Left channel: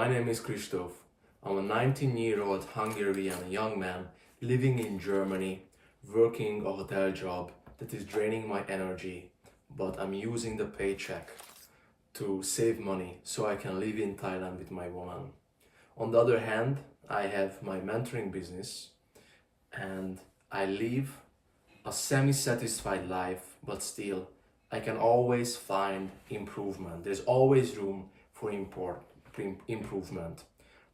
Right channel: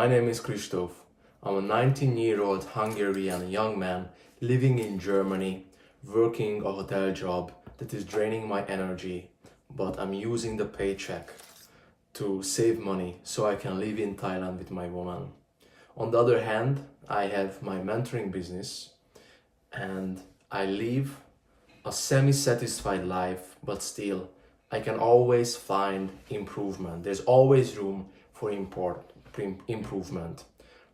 My name is Christoph. I'm a 19-year-old Hungarian young man living in Germany, working a hotel job that is draining my energy, but I'm using the paycheck to save money so I can live in Thailand with my woman. On the other hand, I have my mentoring business and I live a semi-satisfied life, but still I can always find improvement. There's always room for improvement.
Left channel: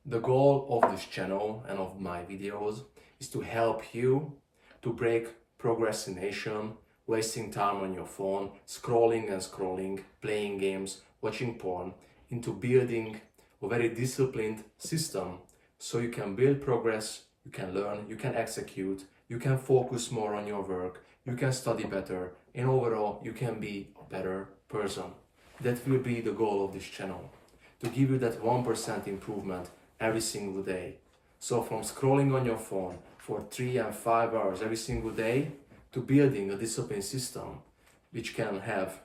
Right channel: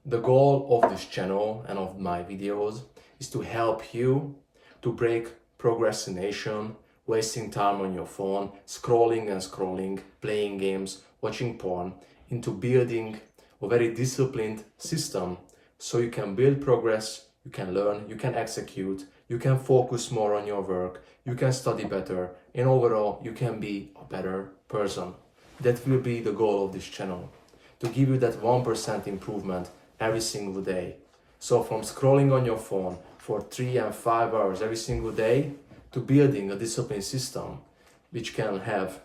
The goal of this channel and of my videos is to help you to break procrastination, wasting time on your phone, scrolling and scrolling, playing games, watching porn, into building a very disciplined system so you can build progress, you can learn, you can execute, you can focus more on your work, you can study better, and overall you can be a better person. That will be the goal of this channel, to give you that 1% improvement every single day. So from scrolling on your phone for 3 and 5 hours every single day to building a disciplined system which can have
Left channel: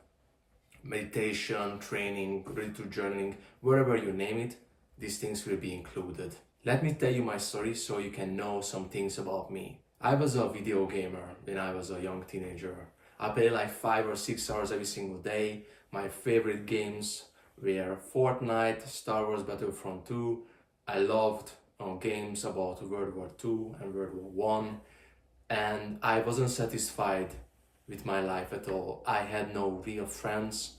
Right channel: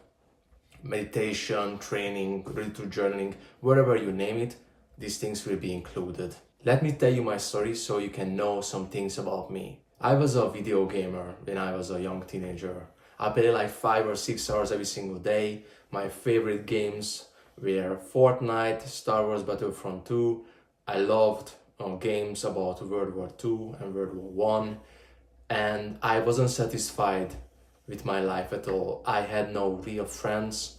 meditation, training, gratitude journaling, wherever you name it, these things will be included. Let me tell you my story so you can know some things about me. I was a video gamer when I was a young teenager. I played like 5 or 6 hours every single day. My favorite games were Fortnite, Star Wars Battlefront 2. I loved games about World War II and World War I. And I wasn't satisfied with my life at all. I had no real friends.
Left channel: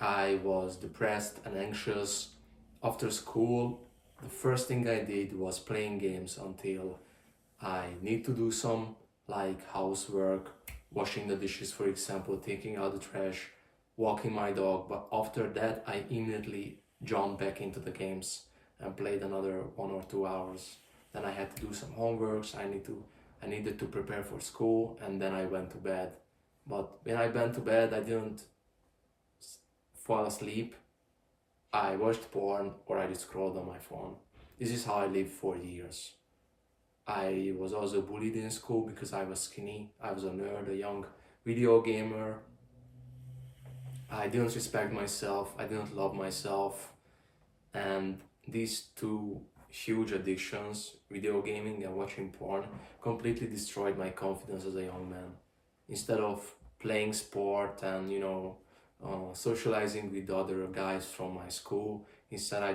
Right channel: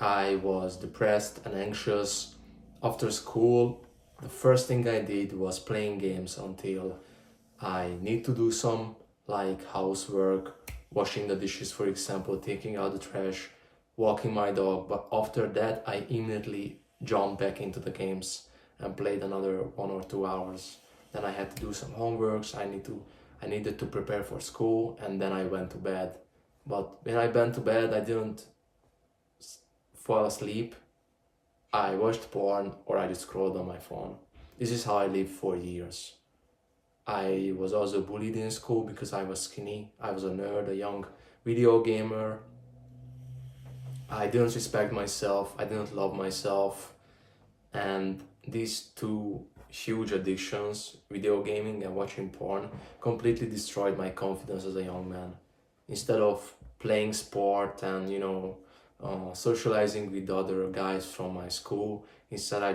I was depressed and anxious. After school, the first thing I did was playing games until I need to do some like housework, washing the dishes, for example, taking out the trash, walking my dog. But after that, I immediately jumped back into the games and played another 1 or 2 hours. Then I had to do some homeworks. I needed to prepare for school, and then I went to bed. But when I went to bed, I didn't fall asleep. I watched porn or I just scrolled on my phone. This is how I lived for years. I was also bullied in school because I was skinny. I was a nerd, a young video gamer. I didn't respect myself. I didn't love myself. And these two huge addictions, video gaming and watching porn, completely destroyed my confidence as a young man. Instead of playing sport and socializing with other guys from my school, instead I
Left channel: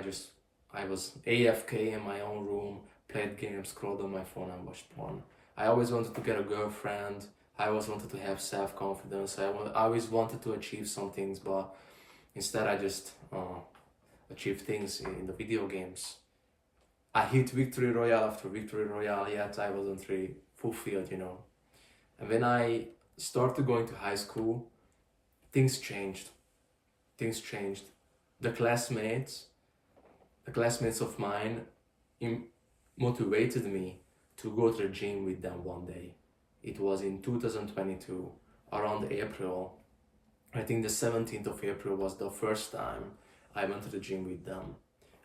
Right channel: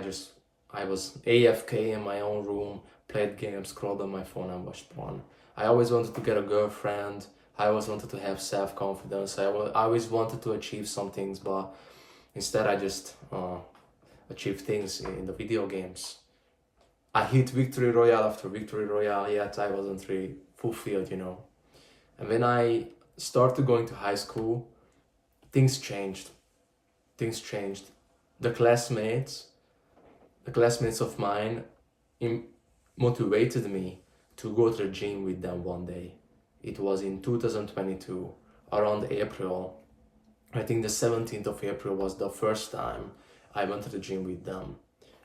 was AFK in my own room, played games, scrolled on my phone and watched porn. I always wanted to get a girlfriend. I always wanted to have self-confidence. I always wanted to achieve some things, but instead I just achieved things in the video games. I hit victory royale after victory royale, yet I wasn't really fulfilled, And when I started going to high school, things changed. The classmates of mine motivated me to go to the gym with them one day. It was in 2022, around April. I think the 17th of April was the first time I went to the gym with them.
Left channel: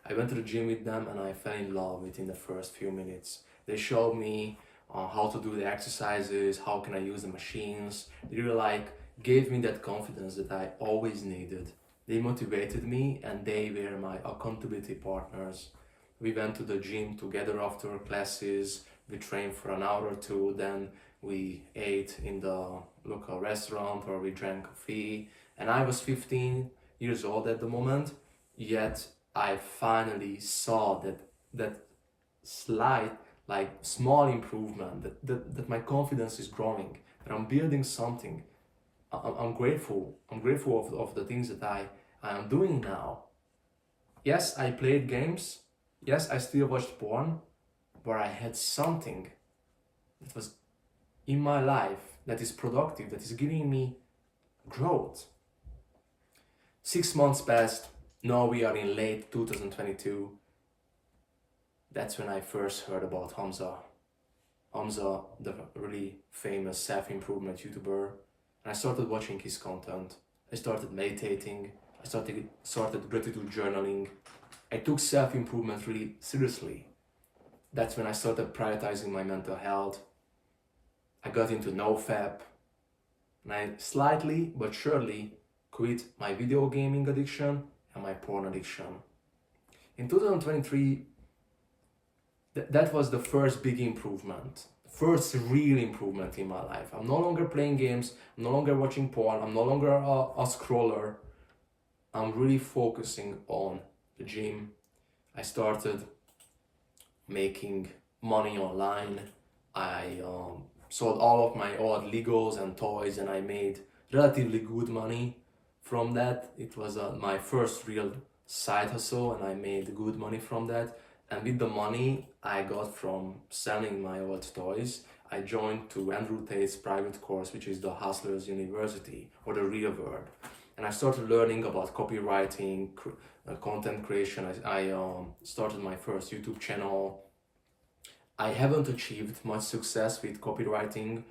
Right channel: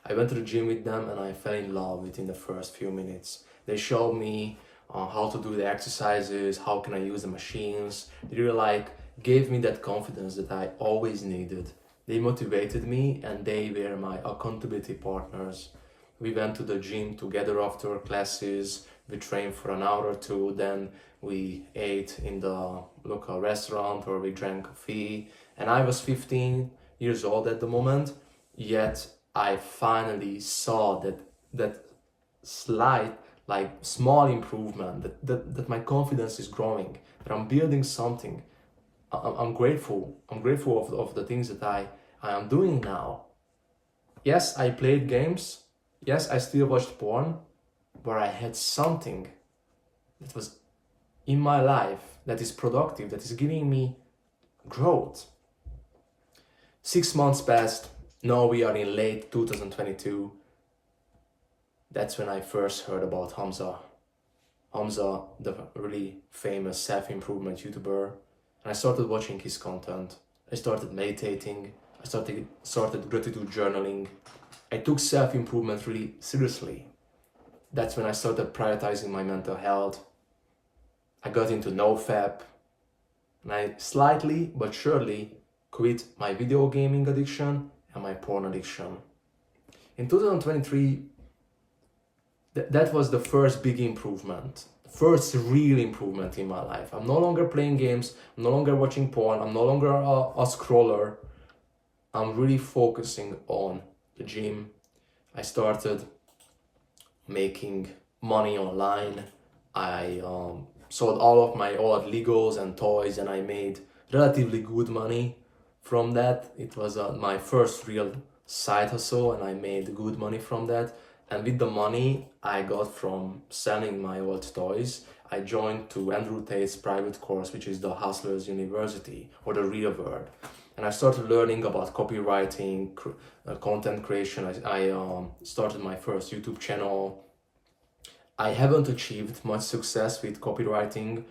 I went to the gym with them and I fell in love within the first few minutes. They showed me how to do the exercises, how can I use the machines. They really gave me that confidence that I always needed. They motivated me and they were my accountability partners. We went to the gym together after classes. We trained for an hour or two, then we ate in the local restaurant or we drank coffee. And I was 15 years old at the moment, yet I finally saw that slight, small improvement, that my confidence is growing, that I'm building something. I'm grateful of the things that I am doing now. Yes, I played games. Yes, I still watched porn, but I had something that was in my life that is productive, that is giving me growth. 6 months passed. Now we are in late 2022. That's when I first heard about Hamza. Hamza, the really famous self-improvement YouTuber. And I started watching his content. I started meditating. I started gratitude journaling. I took self-improvement really seriously. That's when I started prioritizing my mental health. I got into NoFap. And I slightly but surely quit my video gaming addiction and my porn addiction. In 2023, that was the first big improvement, first real improvement in my life. I'm no longer playing games, I'm no longer watching porn, I'm no longer a scroller. I'm really focusing on the gym. I started making money online. I sold all of my old Legos and toys, and I made relatively good money from that. It was my first real side hustle, and I made good money from that. And with the money I got from selling my old toys, I joined to Andrew Tate's private course, which is the Hustlers University, or the real world. And I started learning about copywriting, content creation. I started my first YouTube channel. I haven't achieved much success with copywriting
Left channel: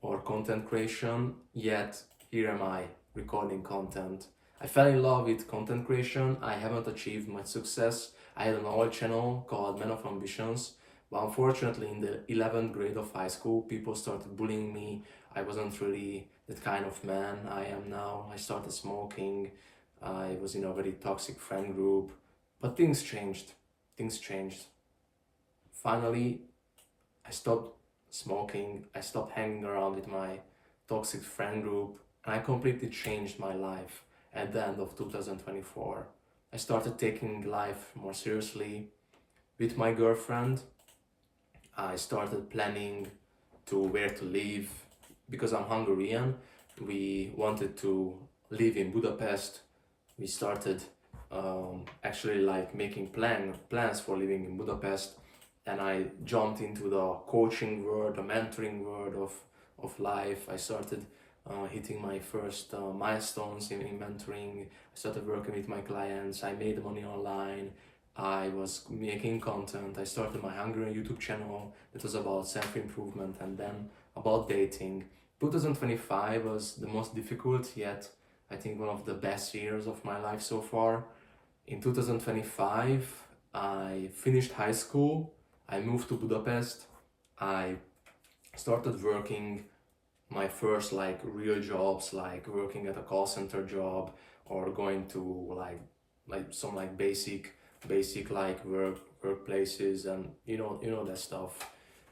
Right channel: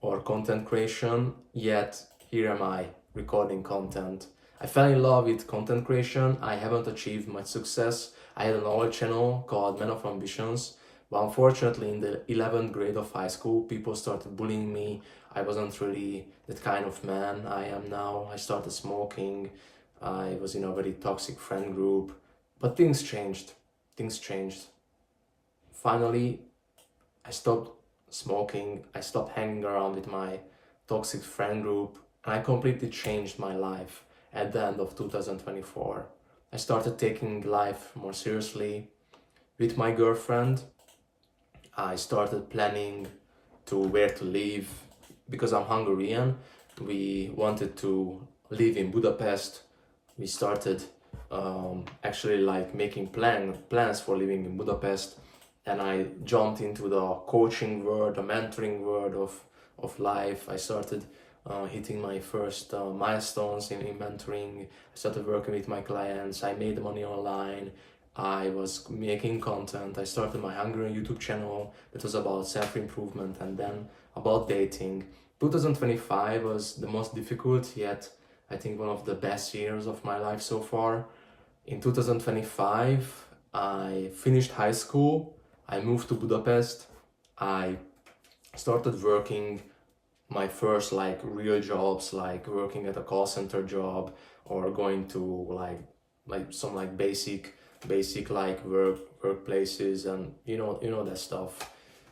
or content creation, yet here am I recording content. I fell in love with content creation. I haven't achieved much success. I had an old channel called Men of Ambitions, but unfortunately in the 11th grade of high school, people started bullying me. I wasn't really that kind of man I am now. I started smoking. I was in a very toxic friend group, but things changed. Finally, I stopped smoking. I stopped hanging around with my toxic friend group, and I completely changed my life at the end of 2024. I started taking life more seriously. With my girlfriend, I started planning to where to live. Because I'm Hungarian, we wanted to live in Budapest. We started actually like making plans for living in Budapest, and I jumped into the coaching world, the mentoring world of life. I started hitting my first milestones in mentoring. I started working with my clients. I made money online. I was making content. I started my Hungarian YouTube channel that was about self-improvement and then about dating. 2025 was the most difficult, yet I think one of the best years of my life so far. In 2025, I finished high school. I moved to Budapest. I started working my first like real jobs, like working at a call center job or going to like some like basic like workplaces, and you know that stuff.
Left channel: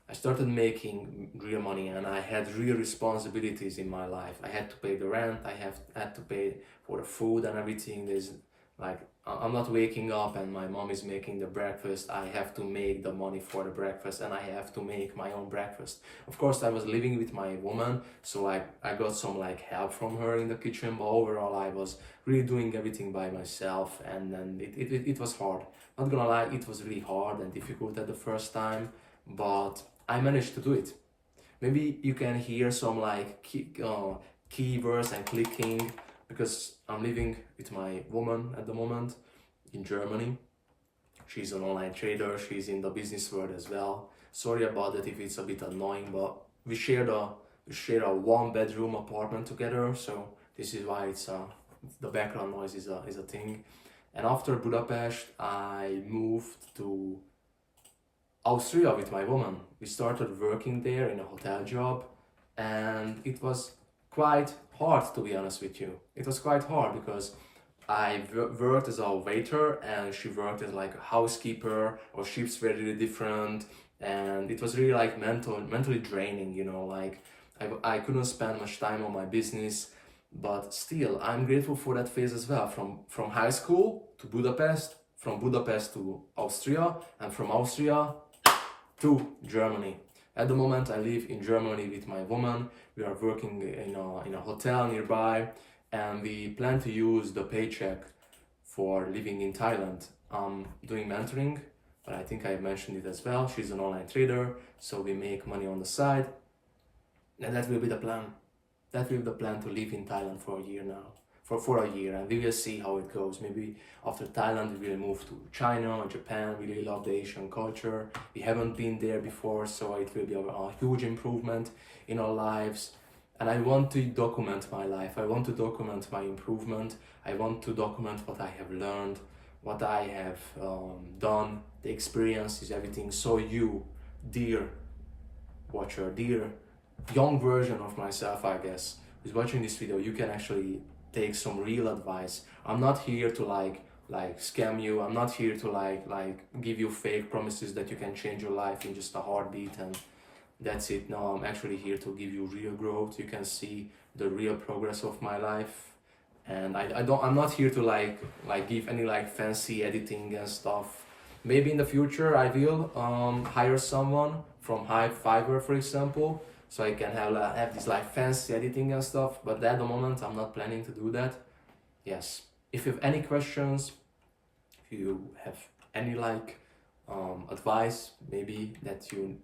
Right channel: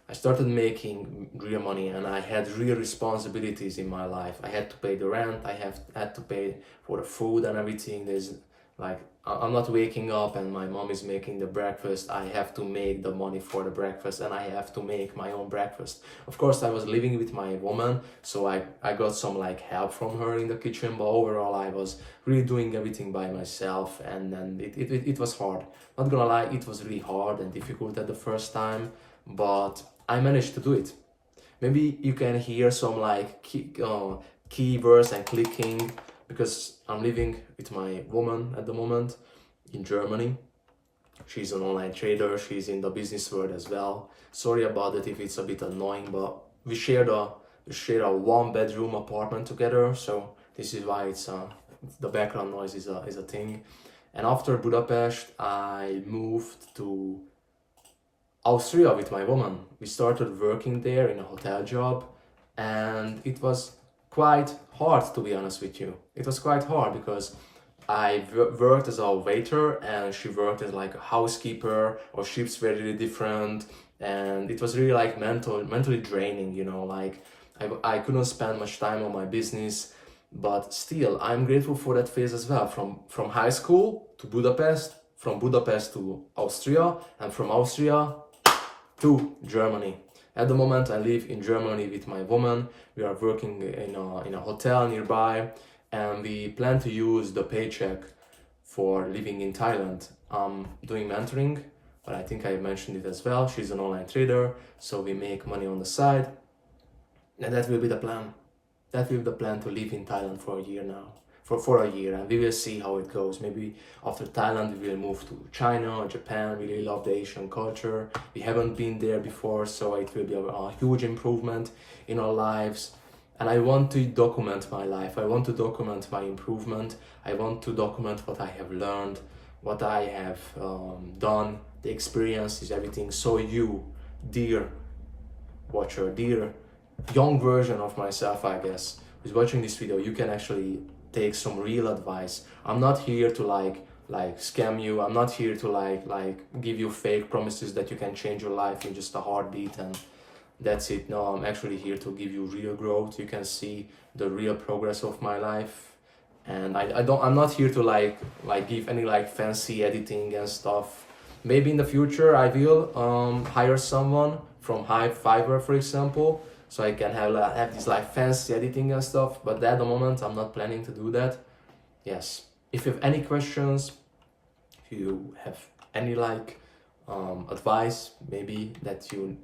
I started making real money, and I had real responsibilities in my life. I had to pay the rent. I had to pay for the food and everything. There's like I'm not waking up and my mom is making the breakfast. I have to make the money for the breakfast, and I have to make my own breakfast. Of course, I was living with my woman, so I got some like help from her in the kitchen, but overall I was really doing everything by myself, and then it was hard. Not gonna lie, it was really hard and difficult at the first time, but I managed to do it. Maybe you can hear some like keywords and clicking, because I'm living with my woman at the moment in Germany. She's an online trader. She's in the business world as well. Sorry about that if it's a bit annoying, but we share a one-bedroom apartment together, so this is why it's the background noise is a thing. And after Budapest, I moved to Austria with my woman. We started working there in a hotel job, and it was quite hard, to be honest with you. It was quite hard because I worked as a waiter and she worked as like a housekeeper. Our shifts were really different, and it was really like mentally draining, you know, like I couldn't spend much time on my business. But still, I'm grateful for that phase as well. From high school to Budapest, from Budapest to Austria, and from Austria to Germany. At the moment, I live in Germany with my woman. We are working in a hotel nearby, and we plan to use the paycheck for living in Thailand. I'm doing mentoring, but I think I mentioned it as well. She's an online trader, so we make money on the side, and that will be the plan. That will be the plan, to live in Thailand for a year now. For a year, and we will see how it goes. Maybe after Thailand we will move to China or Japan. We really love the Asian culture. We haven't been there before, so it will be a huge improvement in our lives. And I want to document my life. I want to document my improvement. I want to document what I have learned, what I have done, the experiences, everything. So you, dear watcher, dear young version of myself, I guess, who's watching this video, you can actually take some real advice. I'm not here to like like scam you. I'm not here to like give you fake promises that you can change your life in just a heartbeat and that's it. No, I'm actually here to give you real growth. You can see the real progress of my life. And I'm not here to like give any like fancy editing and stuff. Maybe in the future I will hire someone from Fiverr, for example, so I can have this like fancy editing and stuff. But at the moment I'm not planning to do that. Yes. If you have any questions, if you have any like advice maybe that you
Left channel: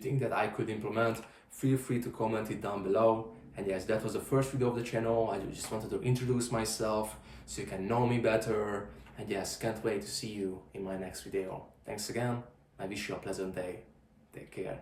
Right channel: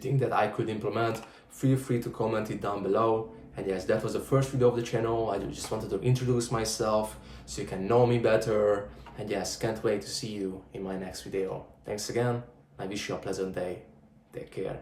think that I could implement, feel free to comment it down below. And yes, that was the first video of the channel. I just wanted to introduce myself so you can know me better. And yes, can't wait to see you in my next video. Thanks again. I wish you a pleasant day. Take care.